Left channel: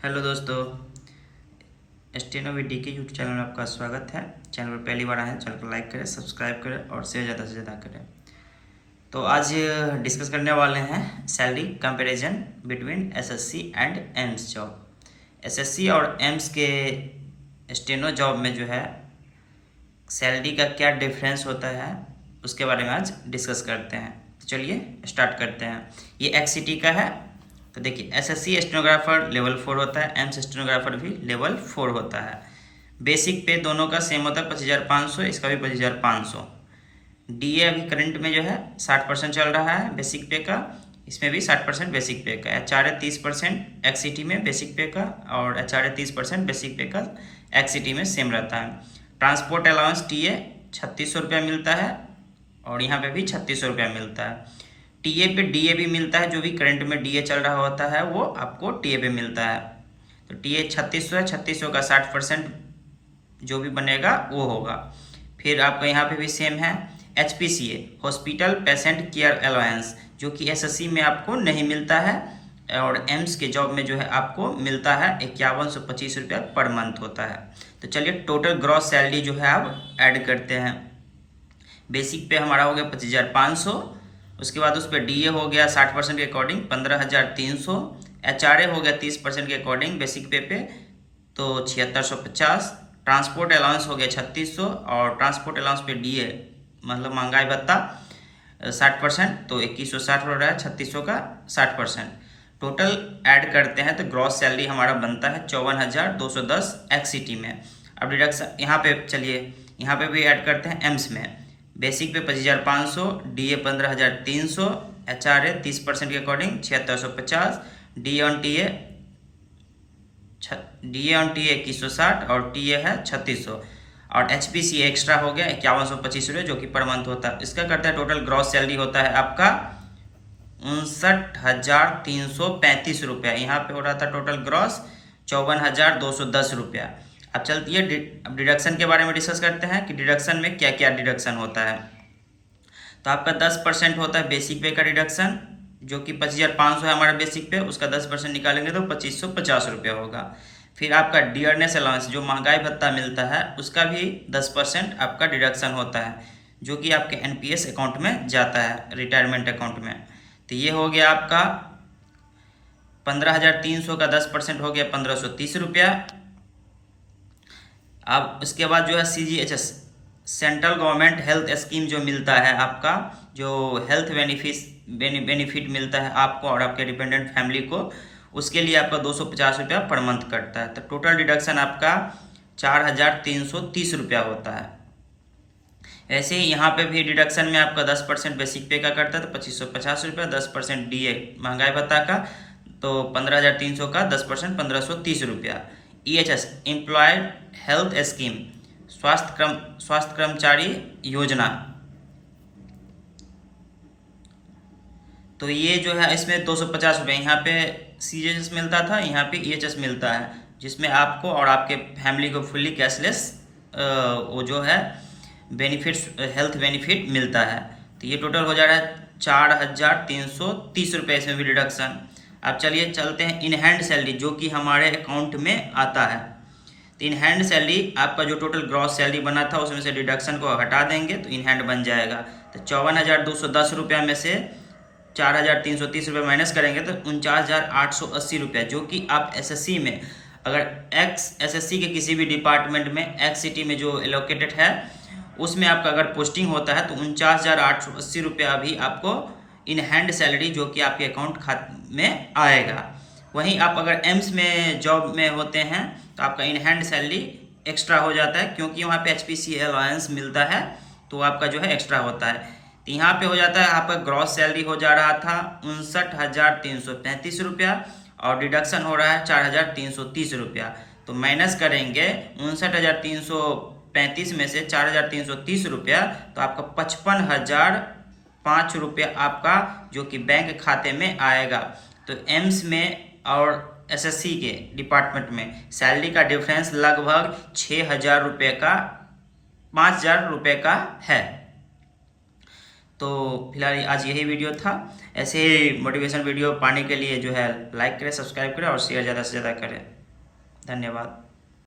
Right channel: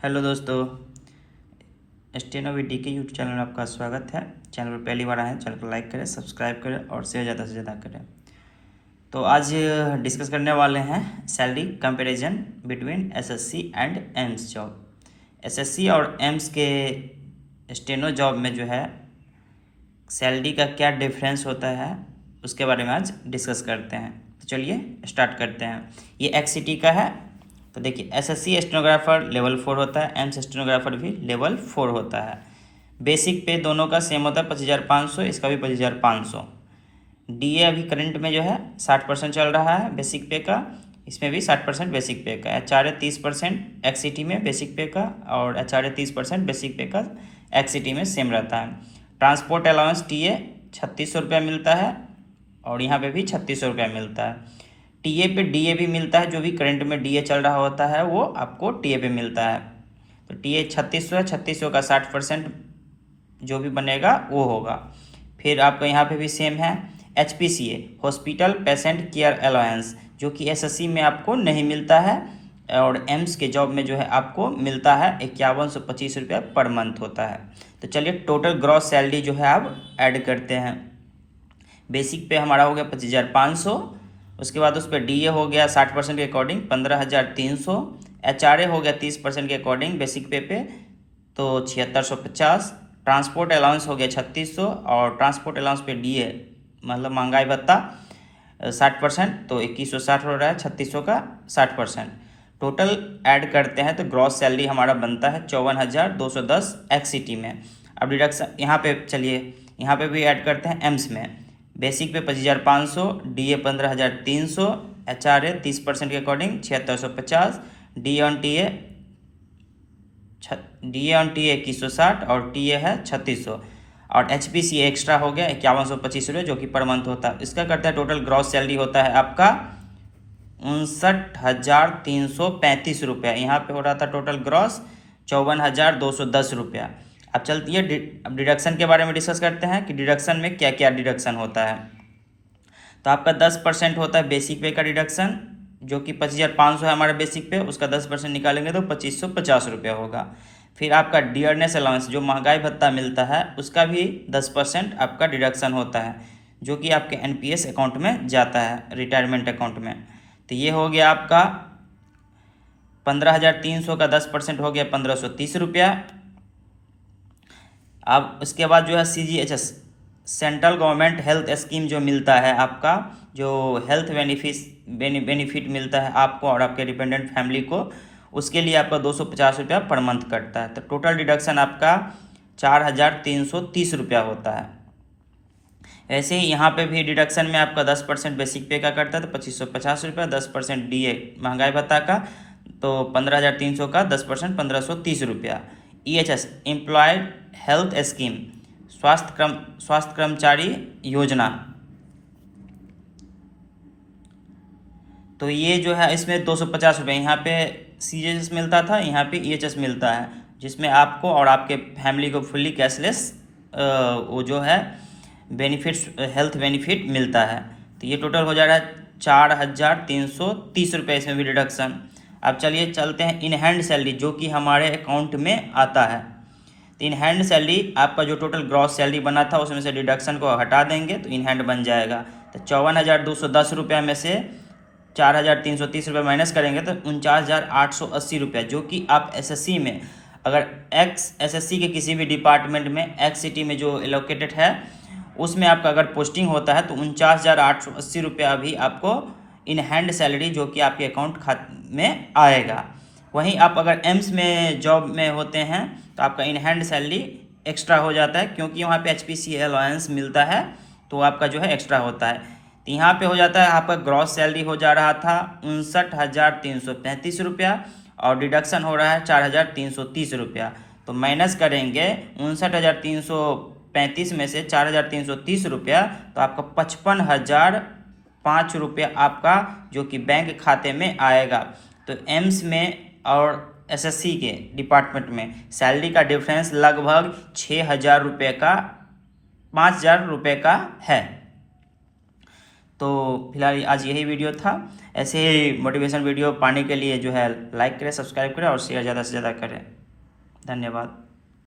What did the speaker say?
Hello दोस्तों, steno we D के YouTube channel में आपका स्वागत है। चैनल पर पहली बार आए हैं, चैनल को लाइक करें, सब्सक्राइब करें और शेयर ज़्यादा से ज़्यादा करें। तो आज डिस्कस करने वाले हैं salary comparison between SSC and AIIMS job. SSC और एम्स के स्टेनो जॉब में जो है सैलरी का क्या डिफरेंस होता है उसके बारे में आज डिस्कस करते हैं। तो चलिए स्टार्ट करते हैं। ये एक्ससिटी का है। तो देखिए, एसएससी स्टेनोग्राफर लेवल 4 होता है, एम्स स्टेनोग्राफर भी लेवल 4 होता है। बेसिक पे दोनों का सेम होता है 25,500, इसका भी 25,500। डीए अभी करंट में जो है 60% चल रहा है बेसिक पे का, इसमें भी 60% बेसिक पे का। एचआरए 30% एक्ससिटी में बेसिक पे का, और एचआरए 30% बेसिक पे का एक्ससिटी में सेम रहता है। ट्रांसपोर्ट अलाउंस टीए 3600 रुपया मिलता है, और यहाँ पे भी 3600 रुपया मिलता है। टीए पे डीए भी मिलता है, जो भी करंट में डीए चल रहा होता है वो आपको टीए पे मिलता है। तो टीए 3600 है, 3600 का 60% जो भी बनेगा वो होगा। फिर आपका यहाँ पे भी सेम है। HPCA hospital patient care allowance, जो कि एसएससी में आपको नहीं मिलता है, और एम्स के जॉब में जो है आपको मिलता है 5125 रुपया पर मंथ होता है। तो चलिए टोटल ग्रॉस सैलरी जो है आप ऐड करते हैं। बेसिक पे हमारा हो गया 25,500, उसके बाद उस पर डीए हो गया 60% के अकॉर्डिंग 15,300, एचआरए हो गया 30% के अकॉर्डिंग बेसिक पे तो 7650, ट्रांसपोर्ट अलाउंस हो गया 3600, और ट्रांसपोर्ट अलाउंस पे डीए मतलब महंगाई भत्ता 60% तो 2160 हो रहा है, 3600 का 60%। टोटल ऐड करते हैं तो ग्रॉस सैलरी हमारा बनता है 54,210 एक्ससिटी में। अब डिडक्शन यहाँ पे चलिए, यहाँ पे भी ऐड करते हैं एम्स में। बेसिक पे 25,500, डीए 15,300, एचआरए 30% के अकॉर्डिंग 7650, डीए ऑन टी 2160 और टीए है 3600, और HPC एक्स्ट्रा हो गया 5125 रुपये जो कि पर मंथ होता है। इसका करता है टोटल ग्रॉस सैलरी होता है आपका 59,335 रुपया। यहाँ पे हो रहा था टोटल ग्रॉस 54,210 रुपया। अब चलती है अब डिडक्शन के बारे में डिस्कस करते हैं कि डिडक्शन में क्या क्या डिडक्शन होता है। तो आपका 10% होता है बेसिक पे का डिडक्शन, जो कि 25,500 है हमारा बेसिक पे, उसका 10% निकालेंगे तो 2550 रुपया होगा। फिर आपका डियरनेस अलाउंस जो महंगाई भत्ता मिलता है उसका भी 10% आपका डिडक्शन होता है, जो कि आपके NPS अकाउंट में जाता है, रिटायरमेंट अकाउंट में। तो ये हो गया आपका 15,300 का 10% हो गया 1,530 रुपया। अब उसके बाद जो है CGHS central government health scheme जो मिलता है आपका, जो हेल्थ बेनिफिट मिलता है आपको और आपके डिपेंडेंट फैमिली को, उसके लिए आपका 250 रुपया पर मंथ कटता है। तो टोटल डिडक्शन आपका 4,330 रुपया होता है। ऐसे ही यहाँ पे भी डिडक्शन में आपका 10% बेसिक पे का करता है तो 2550 रुपया, 10% डीए महंगाई भत्ता का तो 15,300 का 10% 1,530 रुपया। EHS एम्प्लॉयड हेल्थ स्कीम स्वास्थ्य कर्मचारी योजना, तो ये जो है इसमें 250 रुपये। यहाँ पे CGHS मिलता था, यहाँ पे EHS मिलता है, जिसमें आपको और आपके फैमिली को फुल्ली कैशलेस वो जो है बेनिफिट्स हेल्थ बेनिफिट मिलता है। तो ये टोटल हो जा रहा है 4,330 रुपये, इसमें भी डिडक्शन। अब चलिए चलते हैं इन हैंड सैलरी, जो कि हमारे अकाउंट में आता है। तो इन हैंड सैलरी आपका जो टोटल ग्रॉस सैलरी बना था उसमें से डिडक्शन को हटा देंगे तो इन हैंड बन जाएगा। तो 54,210 रुपया में से 4,330 रुपये माइनस करेंगे तो 49,880 रुपया, जो कि आप एसएससी में अगर एसएससी के किसी भी डिपार्टमेंट में एक्ससिटी में जो एलोकेटेड है उसमें आपका अगर पोस्टिंग होता है तो 49,880 रुपया अभी आपको इन हैंड सैलरी जो कि आपके अकाउंट खाते में आएगा। वहीं आप अगर एम्स में जॉब में होते हैं तो आपका इन हैंड सैलरी एक्स्ट्रा हो जाता है, क्योंकि वहाँ पे HPC अलाउंस मिलता है तो आपका जो है एक्स्ट्रा होता है। तो यहाँ पे हो जाता है आपका ग्रॉस सैलरी हो जा रहा था 59,335 रुपया, और डिडक्शन हो रहा है 4,330 रुपया। तो माइनस करेंगे 59,335 में से 4,330 रुपया, तो आपका 55,005 रुपया आपका जो कि बैंक खाते में आएगा। तो एम्स में और एसएससी के डिपार्टमेंट में सैलरी का डिफरेंस लगभग 6,000 रुपये का 5,000 रुपये का है। तो फिलहाल आज यही वीडियो था। ऐसे ही मोटिवेशन वीडियो पाने के लिए जो है लाइक करें, सब्सक्राइब करें और शेयर ज़्यादा से ज़्यादा करें। धन्यवाद।